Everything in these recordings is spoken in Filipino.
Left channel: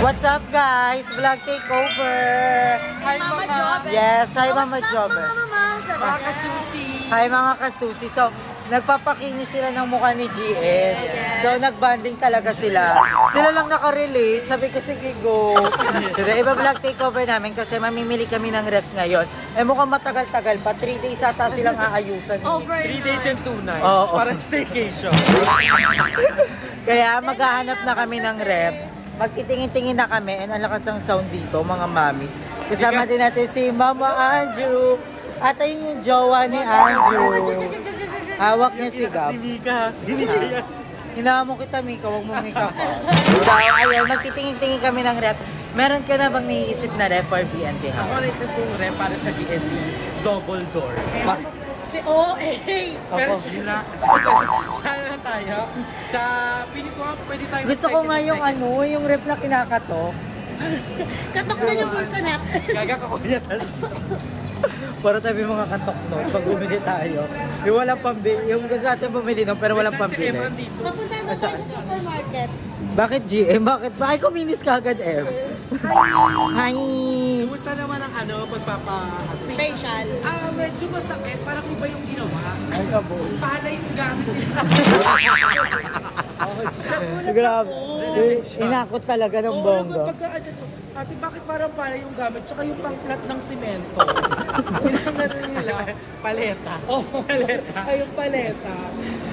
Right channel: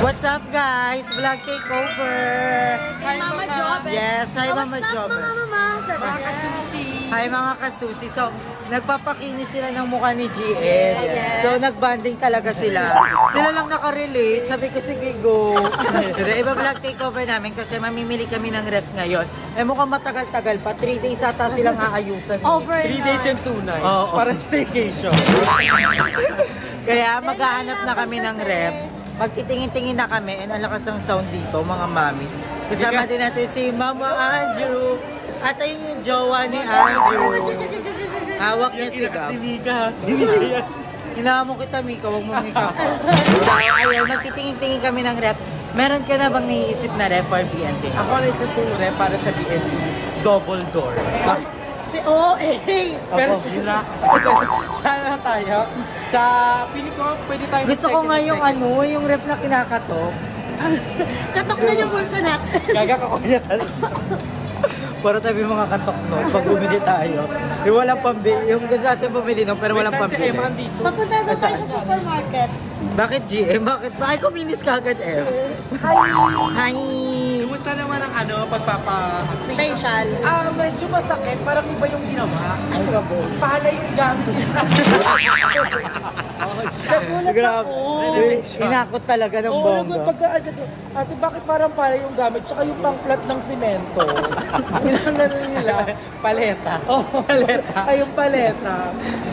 What's up guys? Vlog takeover! Hi Mama Job! Yes, hi Mama Job! Mga kasusi! Hi mga kasusi! So, nagpapakinis sila ng mukha ni GM. So, nagbanding talaga sila. Sila lang nakarelate. Sabi ko, sige go. Iba vlog takeover namin kasi mamimili kami ng ref ngayon. Eh mukhang matagal-tagal pa. 3 days ata silang aayusan. 3 days and 2 nights. Oo. Parang staycation. Kaya maghahanap na kami ng ref. Magtitingin-tingin na kami and ang lakas ng sound dito, mga mami. Kasama din natin si Mama Andrew. At ayun yung jowa ni Andrew. Hawak niya si Gab. Hinahamon kita, Mika. Huwag mo Mika ka. So, ayun, magtitingin-tingin kami ng ref. Meron ka na bang naiisip na ref for B&B house? Ako naisip ko yung ref para sa B&B double door. Si OA! Pero sila. Sana tayo. Sa piling ko, pwede tayo. Gusto ko nga yung yung ref na kinakatok. Katok na yung sinak. Gagak ako niya talaga. Para tayo mga katok no, pag bumili tayo. Yung walang pambili. Yung gusto natin bumili no, pero walang pambili. Papunta na tayo sa supermarket. Bakit GM? Bakit kuminis ka agad M? Hi! Kumusta naman ang Facial. Medyo masakit. Parang iba yung ginawa. Pala yung gamit. Grabe. Inakot talaga ng bongga. Ate, bakit parang pala yung gamit? Tsaka yung pang-flat ng simento. Pinangano nila. Paleta. Paleta. Ay, yung paleta.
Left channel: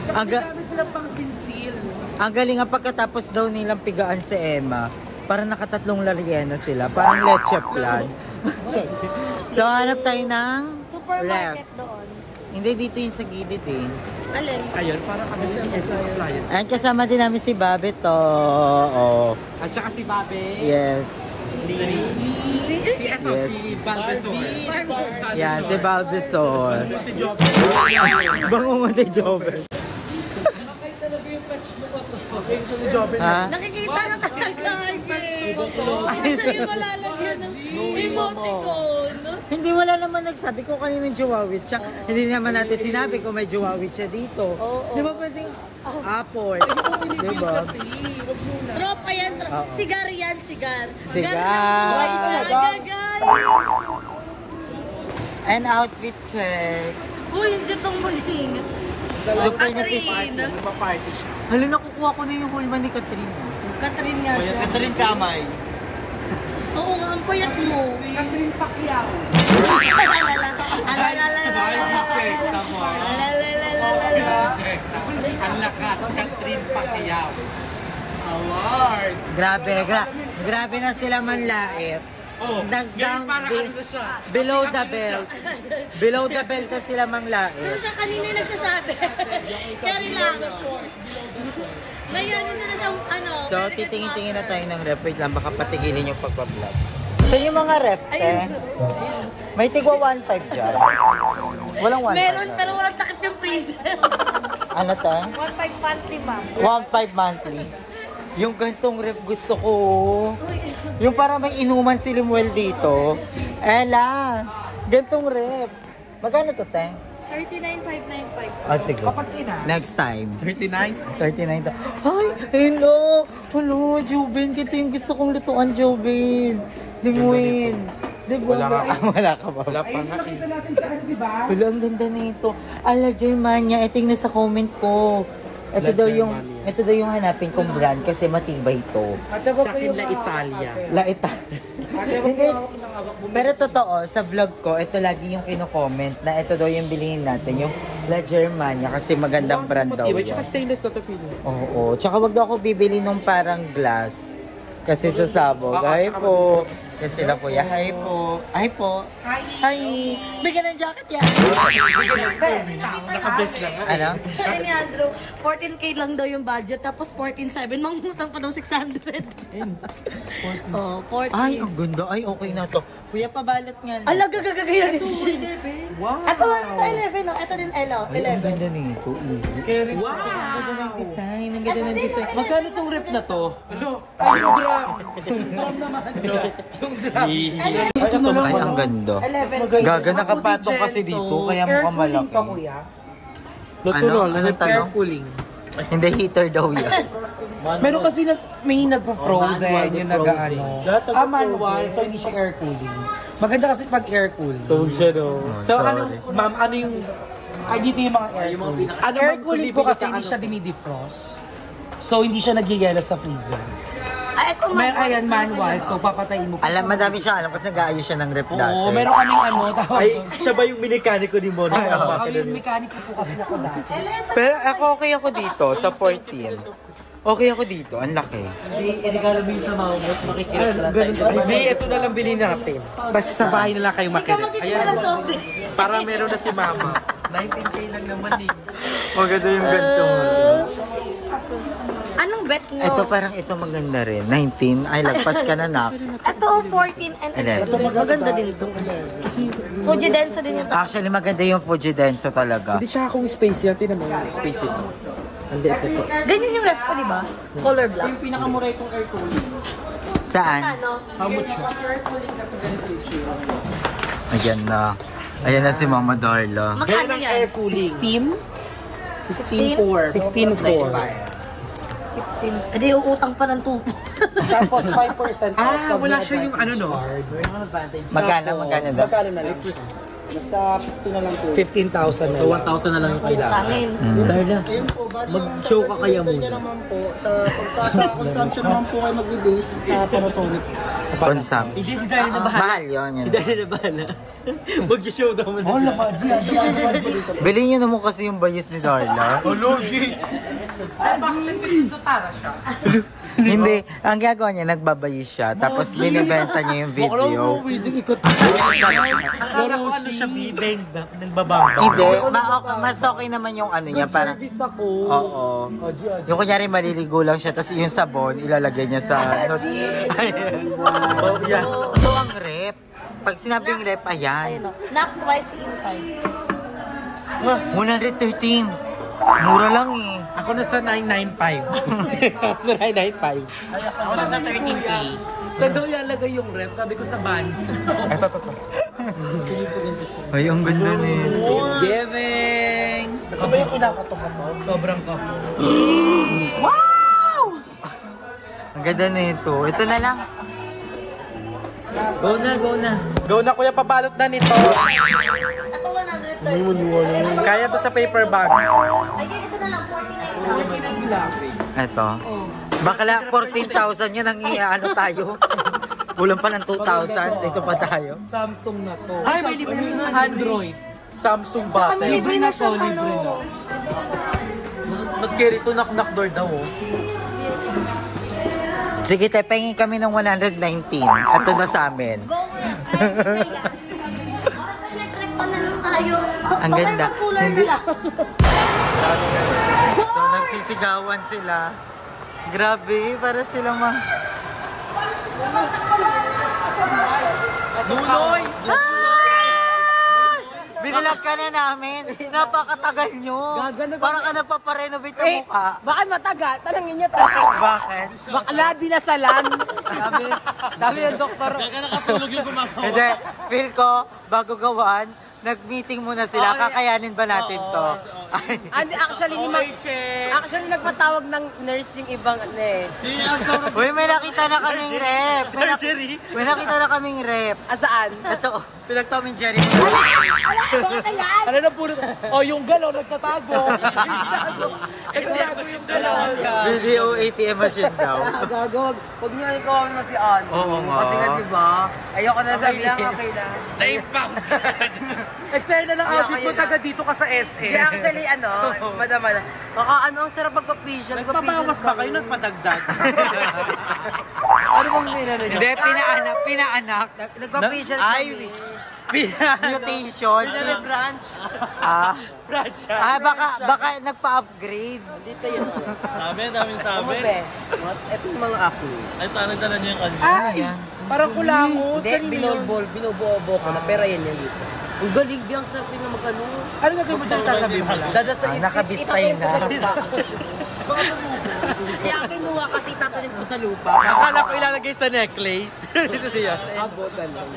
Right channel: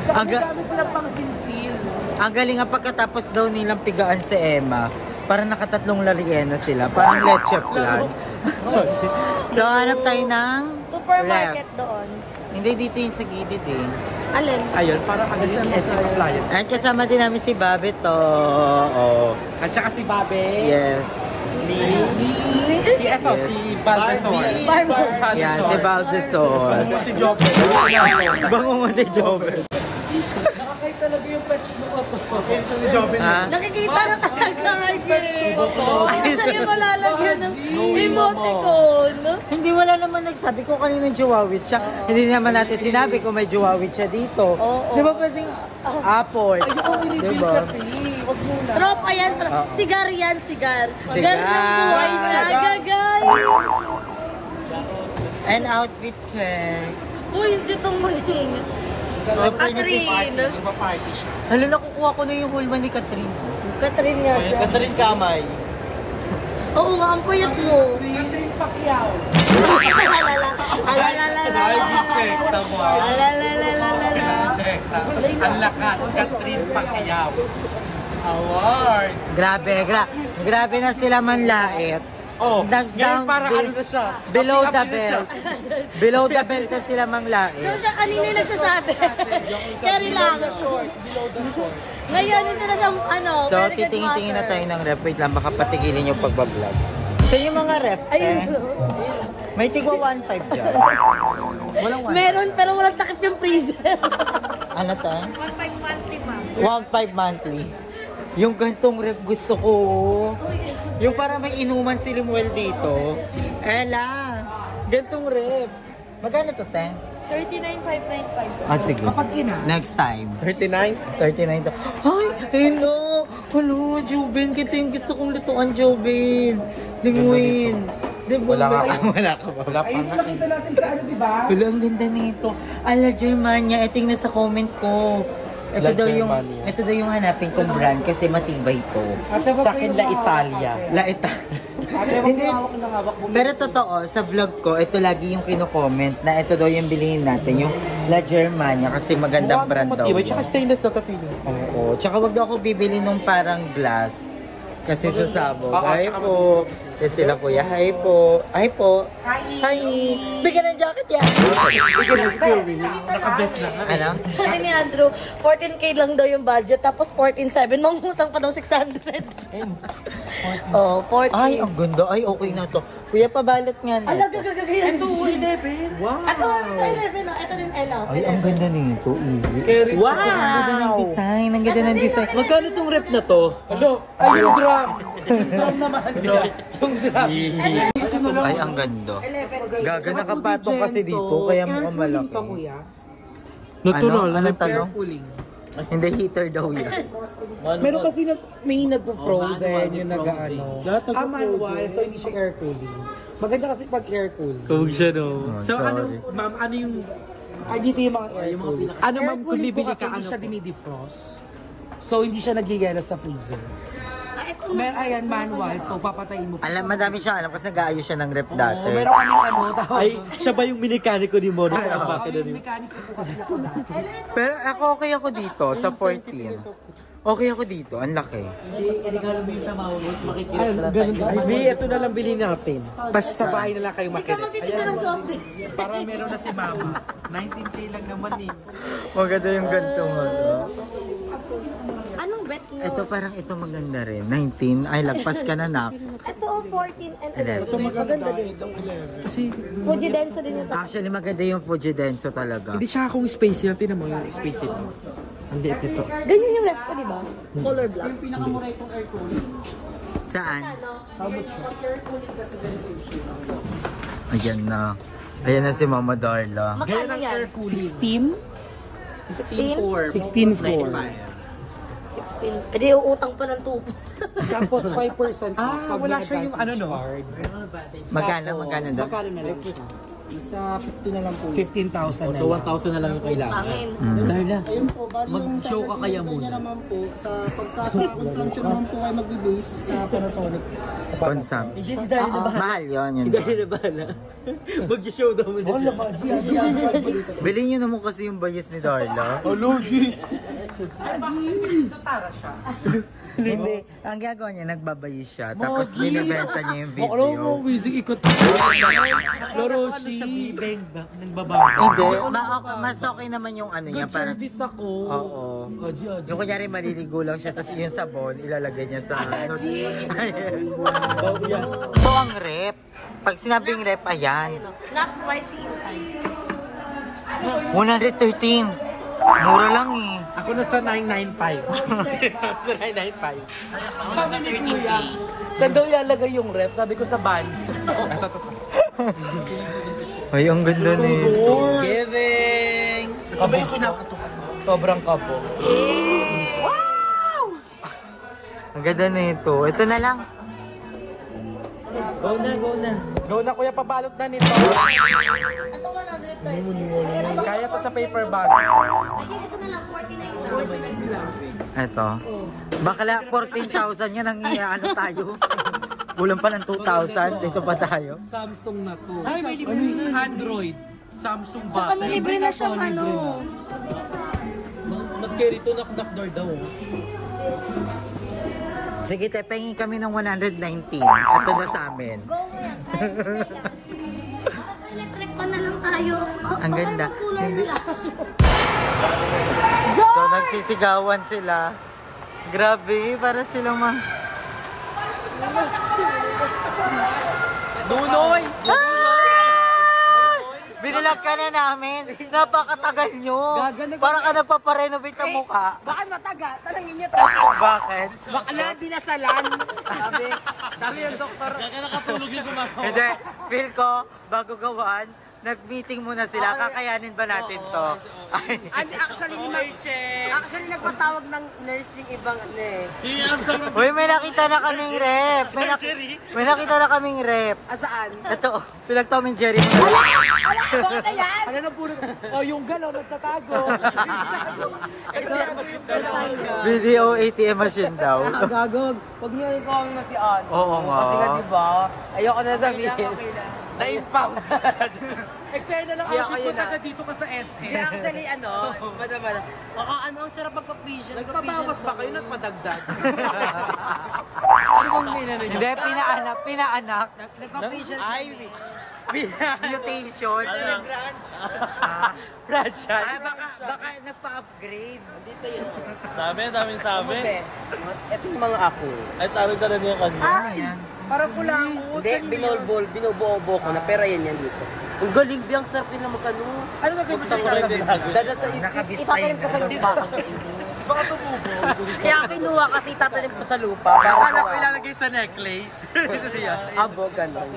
Tsaka yung gamit sila pang-sinsil. Ang galing nga pagkatapos daw nilang pigaan si Emma. Parang nakatatlong lariena sila. Parang leche plan. So, hanap tayo ng Supermarket ref. doon. Hindi, dito yung sa gilid eh. Alin? Ayun, parang ano yung SM appliance. At kasama din namin si Bobby to. At saka si Babe. Yes. Si ako, Yes. si Balbesol. Yan, si Balbesol. Bangungot ni Job. Bangungot ni Jobel. Nakakay talaga yung patch mo ko to. Okay, so ni Jobel. Nakikita na talaga. Patch mo ko to. Saan yung malalagyan ng emoticon? Hindi, wala naman nagsabi ko kaninong Jowawit siya. Hindi naman natin sinabi kung may Jowawit siya dito. Di ba pwedeng apple? Di ba? Tropa yan. Sigar yan, sigar. Sigar. Gagagay. And outfit check. Uy, yung ditong muling. Super nipis. Nagpa-party siya. Hala, nakukuha ko na yung hulma ni Catherine. Catherine nga siya. Catherine Kamay. Oo nga, ang payat mo. Catherine Pacquiao. Ang lakas, Catherine Pacquiao. Award. Grabe na sila manlait. Oh, Down, para ano siya? below the belt. Below the belt na sila manglait. Pero siya kanina yung nagsasabi. Carry lang. Ngayon, isa na siyang So, titingin-tingin na tayo ng ref. Wait lang, baka patigilin yung pagbablog. So, yung mga ref, may tigwa 1.5 dyan. Walang 1.5. Meron, pero walang takip yung freezer. Ano to? 1.5 monthly, ma'am. 1.5 monthly. Yung gantong ref gusto ko. Yung para may inuman si Limuel dito. Ela, gantong ref. Magkano to, te? 39,595. Ah, sige. Next time. 39? 39 to. Ay, hello. Hello, Jobin. Kita yung gusto kong lutuan, Jobin. Limuel. Diba? Wala ka ba? Wala pa nga. Wala, ang ganda nito. Ala, Germania. Ito yung nasa comment ko. Ito daw yung hanapin kong brand kasi matibay ito. Sa akin, La Italia. La Italia. Hindi. Pero totoo, sa vlog ko, ito lagi yung kino-comment na ito daw yung bilihin natin, yung La Germania kasi magandang brand daw yan. Tsaka stainless na ito, pili. Oo. Tsaka wag daw ako bibili nung parang glass. Kasi sasabog. Hi po. Kasi sila kuya. Hi po. Hi po. Hi. Bigyan ng jacket yan. Nakabless na. Ano? Siya ni Andrew, 14K lang daw yung budget, tapos 14,700. Mangutang pa daw 600. Oh, 14. Ay, ang ganda. Ay, okay na to. Kuya, pabalot nga na. Alam, gagagagay. Ito, 11. Wow. Ito 11. Ito din, Elo. Ay, ang ganda nito. Easy. Wow! Ang ganda ng design. Ang ganda ng design. Magkano tong rep na to? Ano? Ay, yung drum! Drum naman. Yung drum. Ay, ang ganda. Gaga, nakapatong kasi dito, kaya mukhang malaki. Ano? Anong tanong? Hindi, heater daw yan. Meron kasi may nagpo-frozen yung nag-ano. Manual, so hindi siya air cooling. Maganda kasi pag air cooling. siya no. Oh, So ano, sorry. ma'am, ano yung... Ay, dito yung mga air cooling. Air cooling po kasi hindi siya dinidefrost. So hindi siya nagyayelo sa freezer. May ayan manual, so papatayin mo. Alam, madami siya alam kasi nag-aayos siya ng rep dati. Oo, meron kami ano, tawag. Ay, siya ba yung mekaniko ni Mona? Ako yung mekaniko po kasi ako dati. Pero okay ako dito sa 14. Okay ako dito, ang laki. Hindi ka namin sa Mount, makikirap na tayo. Ay, May, ito na lang bilhin natin. Basta sa bahay na lang kayo makirap. Ayan, para meron na si Mama. 19K lang naman eh. Maganda yung ganito mo. Anong bet nyo? Ito parang ito maganda rin. 19. Ay, lagpas ka na nak. Ito, 14 and 11. maganda din ito. Fuji Denso din yung Actually, maganda yung Fujidenso talaga. Hindi siya akong space yan. Tinan mo yung space ito. Ang liit ito. Ganyan yung ref ko, di ba? Color black. Yung pinakamura itong air cooling. Saan? Ano? Ayan na. Ayan na si Mama Darla. Magkano yan? cooling. 16? 16.4. 16. Edi uutang pa ng tupo. Tapos 5% off. pag Wala may siya yung ano no? Magkano daw? Magkano na lang? Nasa 50 na lang po. 15,000 na So lang. 1,000 na lang yung kailangan. Tangin. Darla, Ayun po, bali yung mag-show ka kaya muna. naman po, sa pagka sa consumption naman po kayo magbe-base sa Panasonic. Consum. Hindi si Darla na bahala. Mahal yun. Si Darla na bahala. Mag-show daw mo na siya. Bilhin nyo naman kasi yung bayis ni Darla. Hindi. Ang gagawa niya, nagbabayis siya. Tapos binibenta niya yung video. Wizing ikot. Laro siya bibig. Nagbababa. Hindi. Mas okay naman yung ano niya. Parang, Service ako. oo. Oji. Yung kunyari maliligo lang siya, tapos yung sabon, ilalagay niya sa... Ito ang rep. Pag sinabing rep, ayan. Knock twice inside. 113. Mura lang eh. Ako na sa 995. Sa 995. Sa 13K. Saan daw ilalagay yung rep? Sabi ko sa van. Ay, ang ganda nito. Giving! Kaba yung kinakatukan mo? Sobrang kabo. Ang ganda nito. Ito na lang. Go na, go na. Go na kuya, pabalot na nito. Ito 130. Kaya to sa paper bag. Ay, ito na lang. 49 lang. Ito. Bakla, 14,000 yan ang ano tayo. Kulang pa ng 2,000. Dito pa tayo. Samsung na to. Ay, may libre na. Android. Samsung Tsaka bata. may libre na siyang ano. Mas scary to, knock-knock door daw. Oh. Sige, te, pengin kami ng 119. Ito na sa amin. Parang electric pa na lang tayo. Ang ganda. Bakit cooler na lang? So, nagsisigawan sila. Grabe, para silang Dudoy! Binilag ka na namin. Napakatagal nyo. Parang ka nagpaparenovate ang mukha. Bakit matagal? Tanongin niya. Bakit? Bakla dinasalan. Dami yung doktor. Nakatulog yung gumagawa. Hindi, feel ko, bago gawan, nag-meeting muna sila. Kakayanin ba natin to? Ay. Actually nagpatawag ng nurse yung ibang Uy, may nakita na kaming rep. May nakita na kaming rep. Saan? Ito, pinag-Tom and Jerry mo. Ano na puro? Oh, yung galaw nagtatago. Video ATM machine daw. Gagawag. Huwag niyo i-comment na si Ann. Oo nga. Kasi nga diba, ayoko na sabihin. Na-impang. Excited na lang ako po taga dito ka sa SM. Yeah, actually, madam. Baka ang sarap magpa-facial. Nagpapawas ba kayo? Nagpadagdag? Ano bang ginano niyo? Hindi, pinaanak. Nagpa-facial kami. Mutation. Branch. Branch. Baka nagpa-upgrade. Daming sabi. Ito yung mga ako. Ay, tawag na niya yung kanina. Ayan. Parang kulangot. Hindi, binubuo ko na. Pero yan dito. Ang galing, biyang sarap din na magkano. Ano na kayo magsasabi? Dada sa Nakabistay na. Kaya kinuha kasi tatanim ko sa lupa. Akala ko ilalagay sa necklace. Abo, gano'n.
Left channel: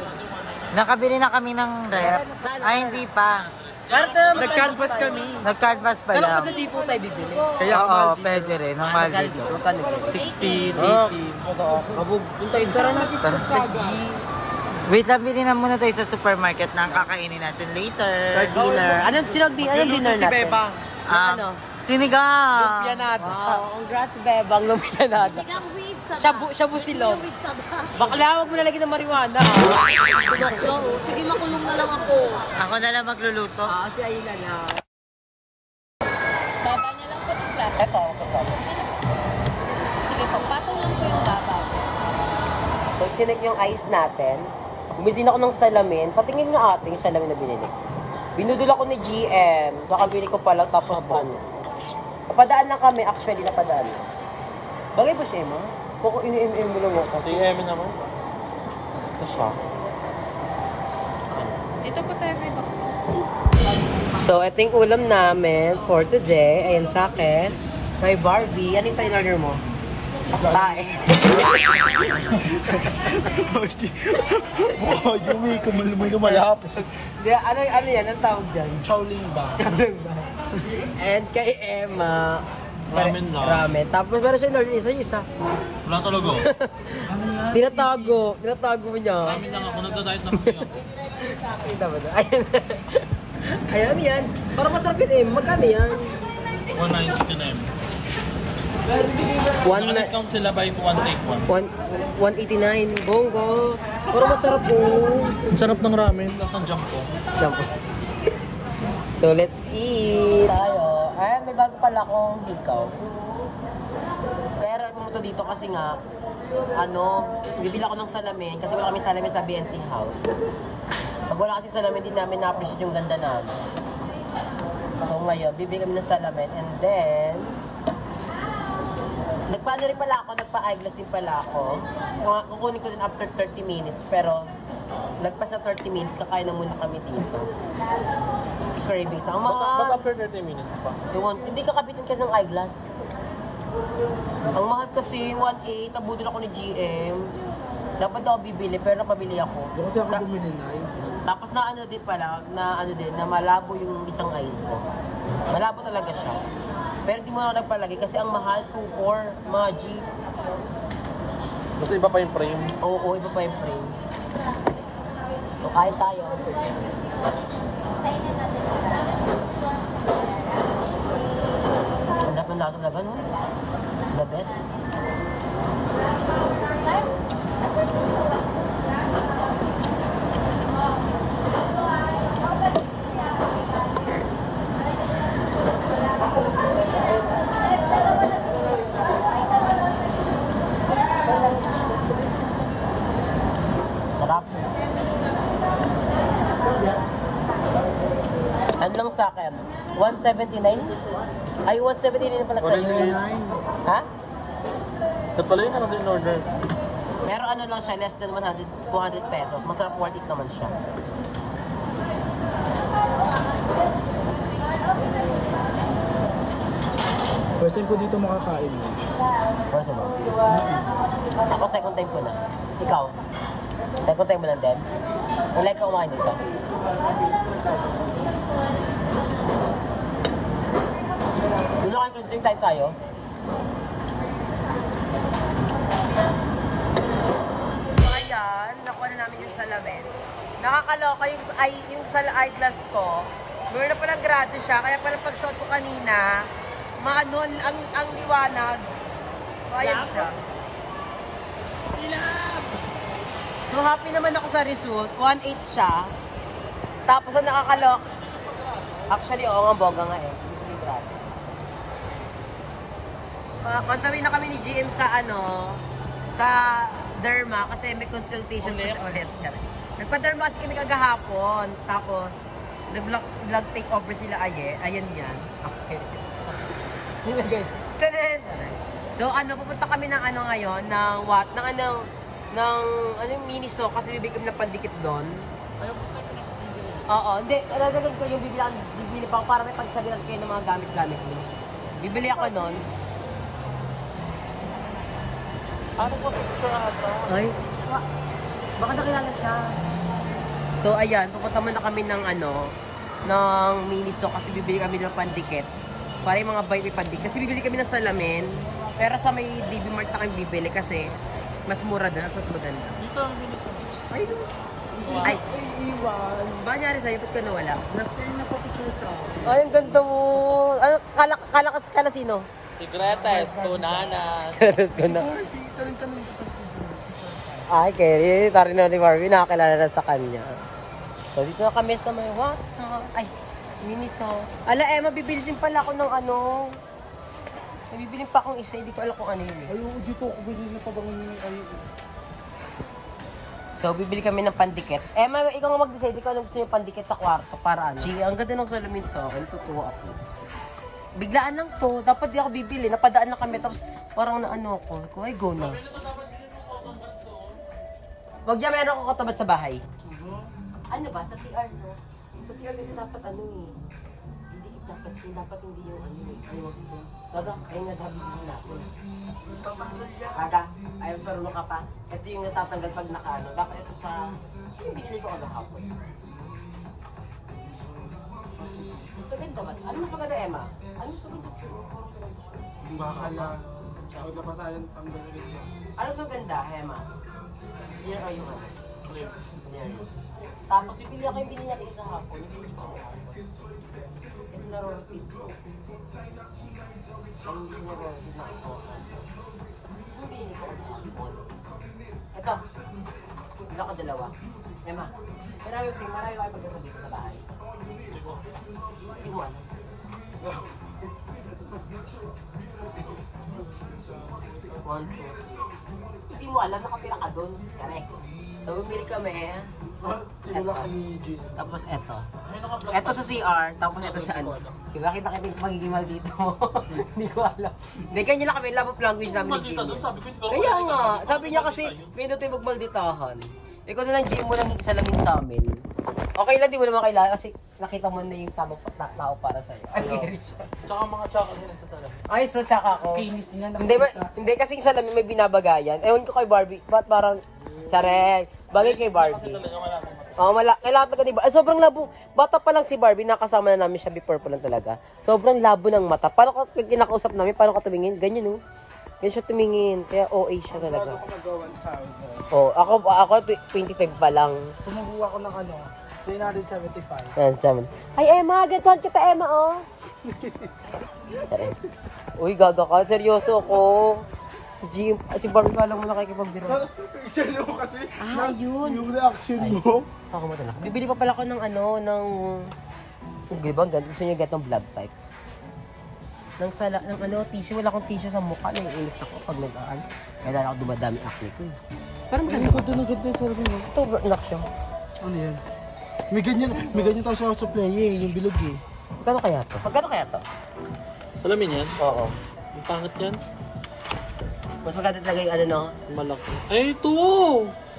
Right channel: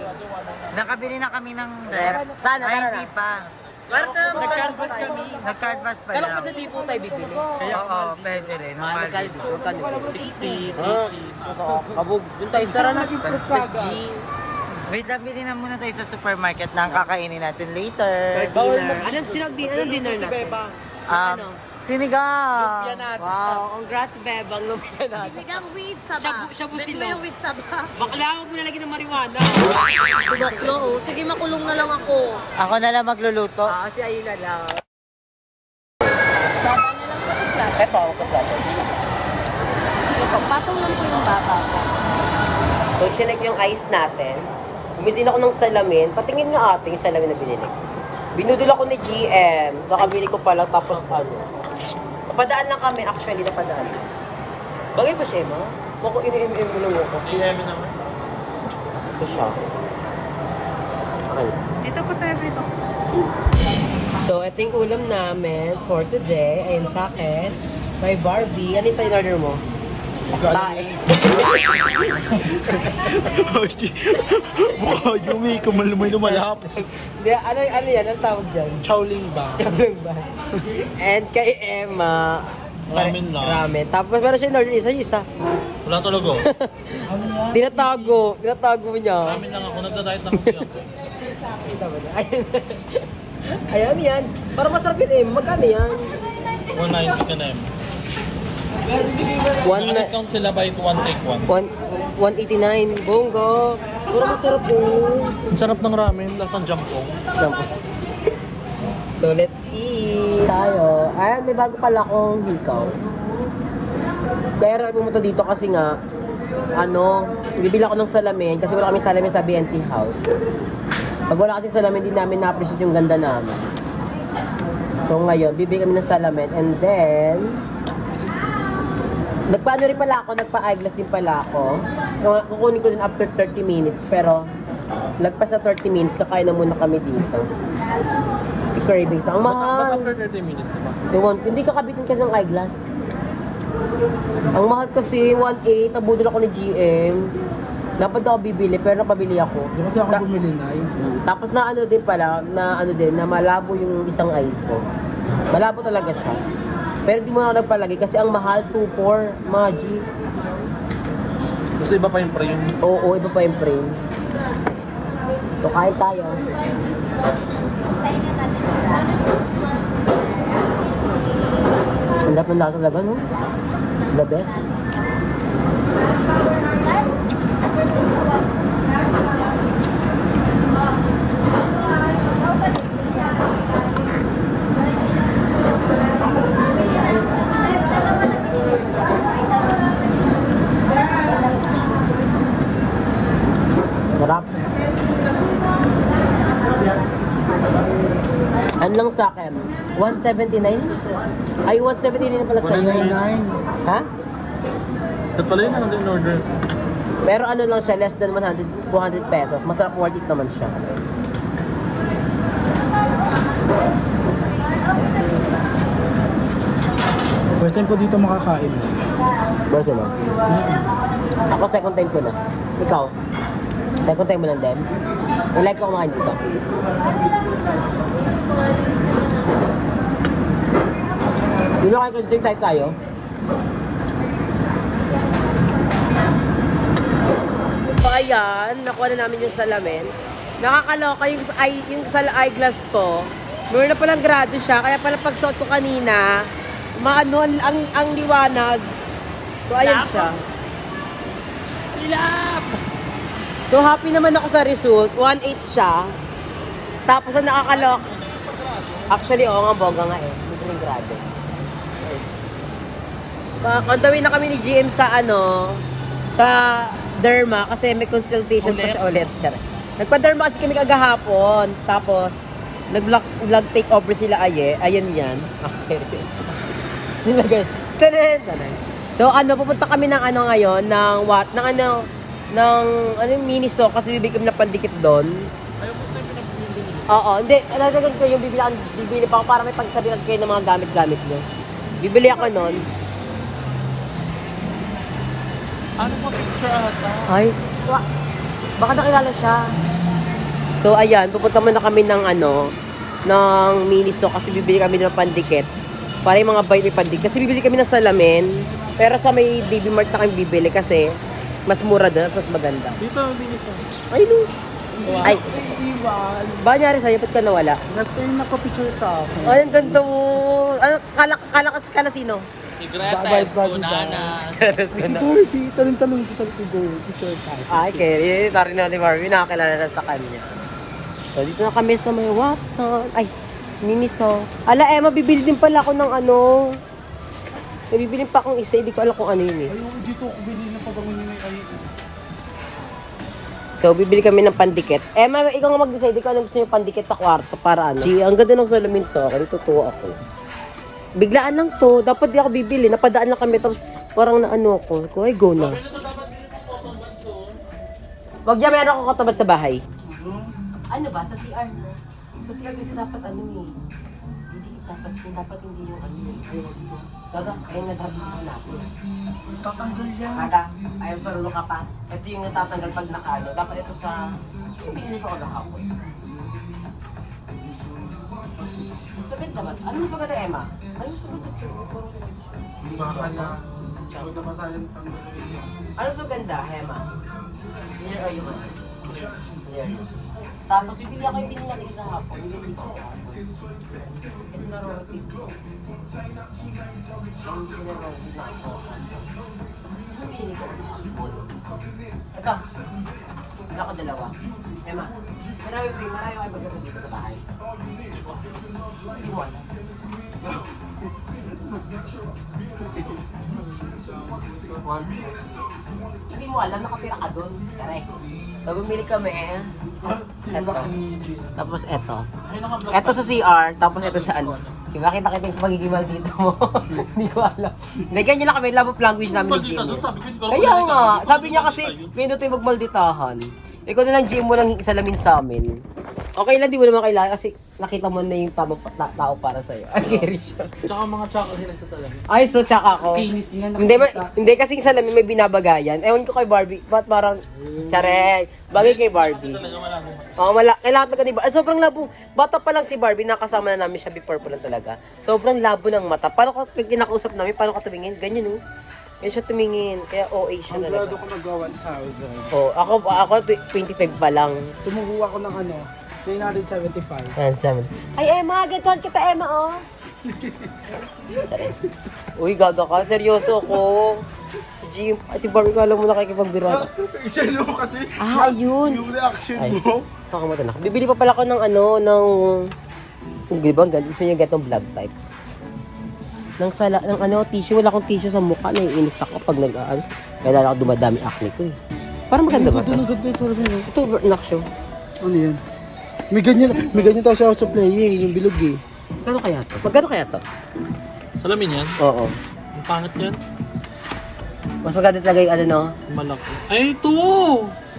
Nakabili na kami ng rep. Sana, Ay, sana. hindi pa. Nag-canvas kami. Nag-canvas pa Kala lang. ko sa di po tayo bibili. Kaya Oo, pwede rin. Ang mahal dito. Magkano? 60, Totoo. Kabog. Yung tayo tara na. Plus G. Wait lang, bilhin na muna tayo sa supermarket na ang kakainin natin later. For dinner. Anong dinner si natin? Beba. Ano? Sinigang! Yan natin. Wow, congrats Bebang lumiyan natin. Sinigang with saba. Shabu silog. With saba. Bakla, huwag mo nalagyan ng marijuana. Oo, sige makulong na lang ako. Ako na lang magluluto. Si Ayla lang. Baba na lang po, slap. Eto, kasama. Sige po, patong lang po yung baba po. So, chinek yung ice natin. Bumili din ako ng salamin. Patingin nga ate yung salamin na binili ko. Binudol ako ni GM. Kakabili ko pa lang tapos ano. Napadaan lang kami. Actually, napadaan lang. Bagay pa siya, ma? Baka ini-MM mo lang ako. Si Emi naman. Ito siya. Ano? Ito po tayo dito. So, ito yung ulam namin for today. Ayan sa akin. Kay Barbie. Ano yung sa in-order mo? Tae. Mukha Yumi, may lumalapis. Hindi, ano yan? Ang tawag dyan? Chowling ba? Kalang ba? And kay Emma, Ramen lang. Ramen. Tapos meron siya in-order isa-isa. Wala talaga. Ano yan? Tinatago niya. Ramen lang ako, nagda-diet lang kasi ako. Kita mo na. Ayan yan. Para masarap yun eh. Magkano yan? 190 ka na yun. Discount sila by 1 take 1. 189. Bongo. Para masarap yun. Ang sarap ng ramen, lasang jampong. So, let's eat tayo. Ayan, may bago pala akong hikaw. Kaya rin pumunta dito kasi nga, bibili ako ng salamin kasi wala kami salamin sa BNT house. Pag wala kasi salamin, hindi namin na-appreciate yung ganda namin. So, ngayon, bibili kami ng salamin and then, nagpa-ano rin pala ako, nagpa-eyeglass din pala ako. Kukunin ko din after 30 minutes, pero lagpas na 30 minutes, kakain na muna kami dito. Si Cravings, ang mahal. After 30 minutes pa. Hindi kakabitin kasi ng eyeglass. Ang mahal kasi, 1.8, nabudol ako ni GM. Dapat ako bibili, pero napabili ako. Hindi ako bumili na yun. Tapos na ano din pala, na malabo yung isang eye ko. Malabo talaga siya. Pero di mo na nagpalagay kasi ang mahal, 2.4, mga G. Gusto iba pa yung frame. Oo, iba pa yung frame. So, kain tayo. Ang dapat ng lasa talaga, no? The best. Sarap. Ano lang sa akin? 179? Ay, 179 pala sa'yo. 199. Ha? Ba't pala yun ano in order? Pero ano lang siya, less than 100, 200 pesos. Masarap, worth it naman siya. First time ko dito makakain. Worth it ba? Ako second time ko na. Ikaw? Second time mo lang din? Yung like ko kumain dito. Yun lang kayo continue type tayo. So ayan, nakuha na namin yung salamin. Nakakaloka yung sa eyeglass ko. Meron na palang grado siya, kaya pala pagsuot ko kanina, maano ang liwanag. So ayan siya. So happy naman ako sa result. 1.8 siya. Tapos ang nakakalok. Actually, oo nga, boga nga eh. Hindi rin grado. Kontawin na kami ni GM sa sa derma kasi may consultation pa siya ulit. Nagpa-derma kasi kami kagahapon. Tapos, nag-vlog take over sila ayan yan. Okay. So, pupunta kami ng ngayon, ng Miniso kasi bibili kami na pandikit doon. Oo, hindi. Nalagyan ko yung bibili pa ako para may pagsabihan kayo ng mga gamit-gamit nyo. Bibili ako nun. Ano pa picture ata? Ay, baka nakilala siya. So, ayan, pupunta muna kami ng ng Miniso kasi bibili kami ng pandikit. Para yung mga bite may pandikit. Kasi bibili kami ng salamin. Pero sa may DB Mart na kami bibili kasi mas mura doon at mas maganda. Dito ang Miniso. Ay, no. Ay. Ba nangyari sa'yo? Ba't ka nawala? Nag-turn na picture sa akin. Ay, ang ganda mo. Ano, kala sino? Vice President. Barbie, talong-talong siya sa likod. Picture type. Ay, Kerry. Tari na ni Barbie. Nakakilala na sa kanya. So, dito na kami sa may Watson. Ay, Miniso. Ala, Emma, bibili din pala ako ng ano. May bibili pa akong isa. Hindi ko alam kung ano yun eh. So, bibili kami ng pandikit. Emma, ikaw nga mag-decide kung ano gusto niyo pandikit sa kwarto para ano. Gee, ang ganda ng salamin sa akin. Tutuwa ako. Biglaan lang to. Dapat di ako bibili. Napadaan lang kami. Tapos parang naano ako. Ay, go na. Wag niya, meron akong katabat sa bahay. Ano ba? Sa CR na? Sa CR kasi dapat ano yun. Hindi dapat hindi yung ano yun. Dapat ayun na dapat yung natin. Tatanggal yan. Kada, ayaw sa rulo ka pa. Ito yung natatanggal pag nakalo. Dapat ito sa... Hindi pa ako nakapon. Maganda ba? Ano mas maganda, Emma? Ano mas maganda? Bakala. Huwag na pasayang tanggal ulit. Ano mas maganda, Emma? Hindi na kayo ba? Ayan. Tapos bibili ako yung pinili natin sa hapon. Hindi ko ako. Ito. Wala ko dalawa. Emma. Marami kayo magkakasin dito sa bahay. Hindi mo alam. Hindi mo alam, nakapira ka dun. Correct. So, bumili kami. Eto. Tapos eto. Eto sa CR, tapos eto sa ano. Makita kita yung magiging maldito mo. Hindi ko alam. Hindi, ganyan lang kami. Love of language namin ni Jimmy. Kaya nga. Sabi niya kasi, minuto yung magmalditahan. Ikaw na lang, Jim, mo lang salamin sa amin. Okay lang, di mo naman kailangan kasi nakita mo na yung tamang tao para sa'yo. Ay, Gary siya. Tsaka mga tsaka sila sa salamin. Ay, so tsaka ako. Kinis niya. Hindi kasi yung salamin may binabagayan. Ewan ko kay Barbie. Ba't parang, tsare, bagay kay Barbie. Oo, kailangan talaga ni Barbie. Sobrang labo. Bata pa lang si Barbie, nakasama na namin siya before pa lang talaga. Sobrang labo ng mata. Paano ka, kinakausap namin, paano ka tumingin? Ganyan, no? Yan siya tumingin. Kaya OA siya talaga. Ako mag-1,000. Oh, ako 25 pa lang. Tumubo ako ng ano, 375. Yan, 7. Ay, Emma, gantuan kita, Emma, oh. Uy, gaga ka. Seryoso ako. Si Barbie ka lang mo nakikipagbiruan. Yan mo kasi. Ah, ayun. Yung reaction Ay, mo. nakakamata na. Bibili pa pala ako ng ano, di ba, gusto niyo get ng vlog type. Ng ano, tissue. Wala akong tissue sa mukha. Naiinis ako pag nag-aan. Kaya ako dumadami acne ko eh. Parang maganda ba ito? Ito, Naksyo. Ano yan? May ganyan tayo sa play eh, yung bilog eh. Magkano kaya to? Magkano kaya to? Salamin yan? Oo. Ang pangit yan? Mas maganda talaga yung ano, no? Malaki. Ay, ito!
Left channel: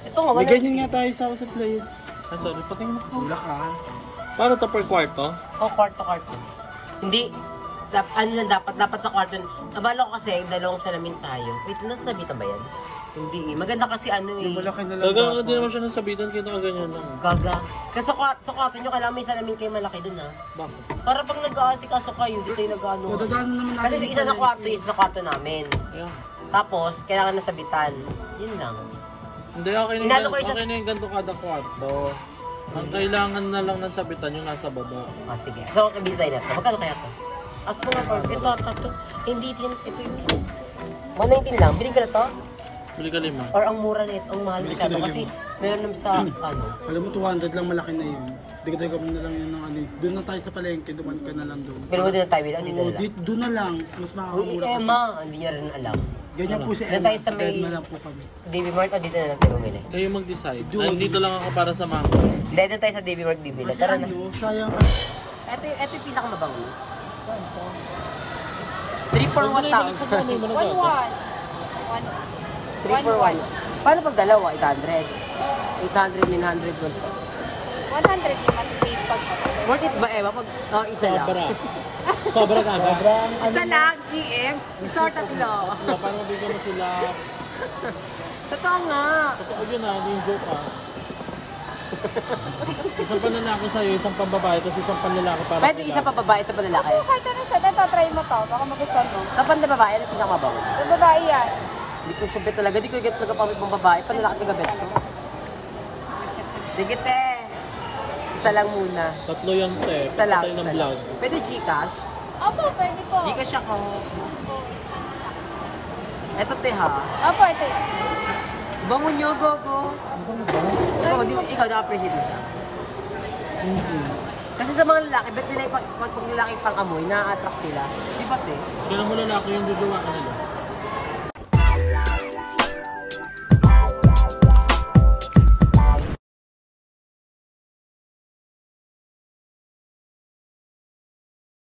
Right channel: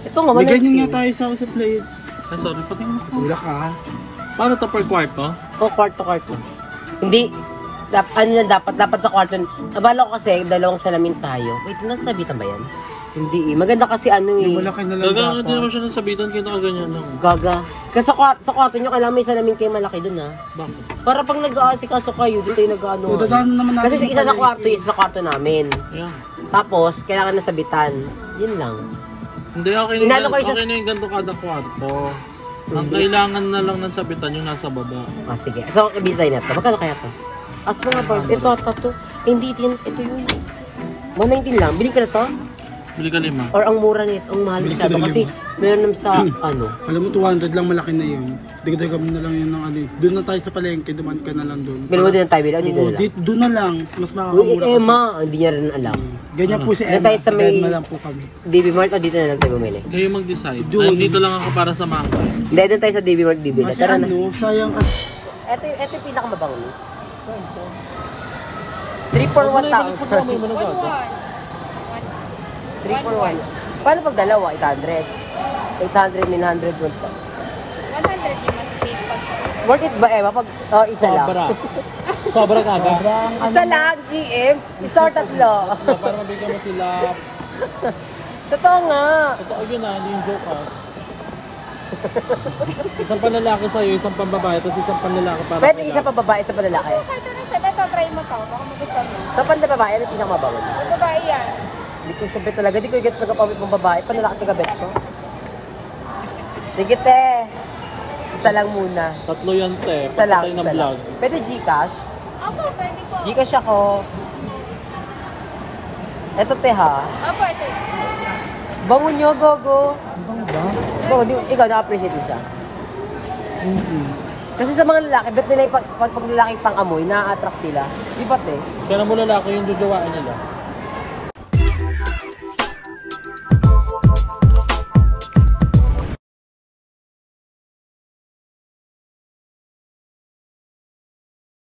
Ito nga, May wala ganyan nga tayo sa play. Ay, sorry, pati mo. Wala ka. Paano ito per kwarto? O, kwarto. Hindi. Dapat sa kwarto. Nabala ko kasi, dalawang salamin tayo. Wait, nasabitan ba yan? Hindi eh. Maganda kasi ano eh. Wala ka na lang Gaga, hindi dapat. naman siya nasabitan. Kita ka ganyan lang. Gaga. Kasi sa kwarto nyo, kailangan may salamin kayo malaki dun ha. Bakit? Para pag nag-aasikaso kayo, dito yung nag-ano. O, dadaanan naman natin. Kasi isa sa kwarto, isa sa kwarto namin. Ayan. Tapos, kailangan nasabitan. Yun lang. Hindi, okay Inano na, ko isa- okay na yung ganito kada kwarto. Ang kailangan na lang ng sabitan yung nasa baba. Ah, sige. So, ibitay na to. Magkano kaya to? As mga bars, ito, hindi din, ito yun. 119 lang. Bilhin ka na to? Bili ka 5. Or ang mura nito, ang mahal masyado. Kasi, meron naman sa, ano. Alam mo, 200 lang malaki na yun. Dito na lang yun ng ano eh. Doon na tayo sa palengke, duman ka na lang doon. Bilhin mo din tayo, bilhin. Dito na lang. Doon na lang, mas Uy, makakamura Emma, hindi niya rin alam. Ganyan po si Doon Emma, tayo sa may- Emma lang po kami. DB Mart o dito na lang tayo bumili? Kayo mag-decide. Ay, dito lang ako para sa mako. Hindi, doon tayo sa DB Mart bibili. Kasi Tara na. ano, sayang kasi. Ito yung pinakamabango, miss. 3 for 1,000. 3 for 1. Paano pag dalawa? 800? 800, 900, 1,000. 100 yung masisave pag Worth it ba, Emma? Pag isa lang? Sobrang aga. Isa lang, GM. Isa or tatlo. Para nabigyan mo sila. Totoo nga. Totoo yun ah, hindi yung joke ah. Isang panlalaki sa'yo, isang pambabae, tapos isang panlalaki para. Pwede isa pa babae, isa pa lalaki. Kahit ano sa try mo pa, baka magustuhan mo. Sa panlababae, ano pinakamabaw? Babae yan. Hindi ko siya bet talaga. Hindi ko get talaga pamit pang babae. Panlalaki talaga bet ko. Sige te. Isa lang muna. Tatlo yan, te. Isa lang, Patay ng isa lang. vlog. Pwede Gcash? Opo, pwede po. Gcash ako. Eto te ha. Opo, ito yan. Bango nyo, gogo. Bango, ikaw na-appreciate mo siya. Kasi sa mga lalaki, bet nila yung pag lalaki pang amoy, na-attract sila. Di ba te? Kaya mo lalaki yung jojowain nila.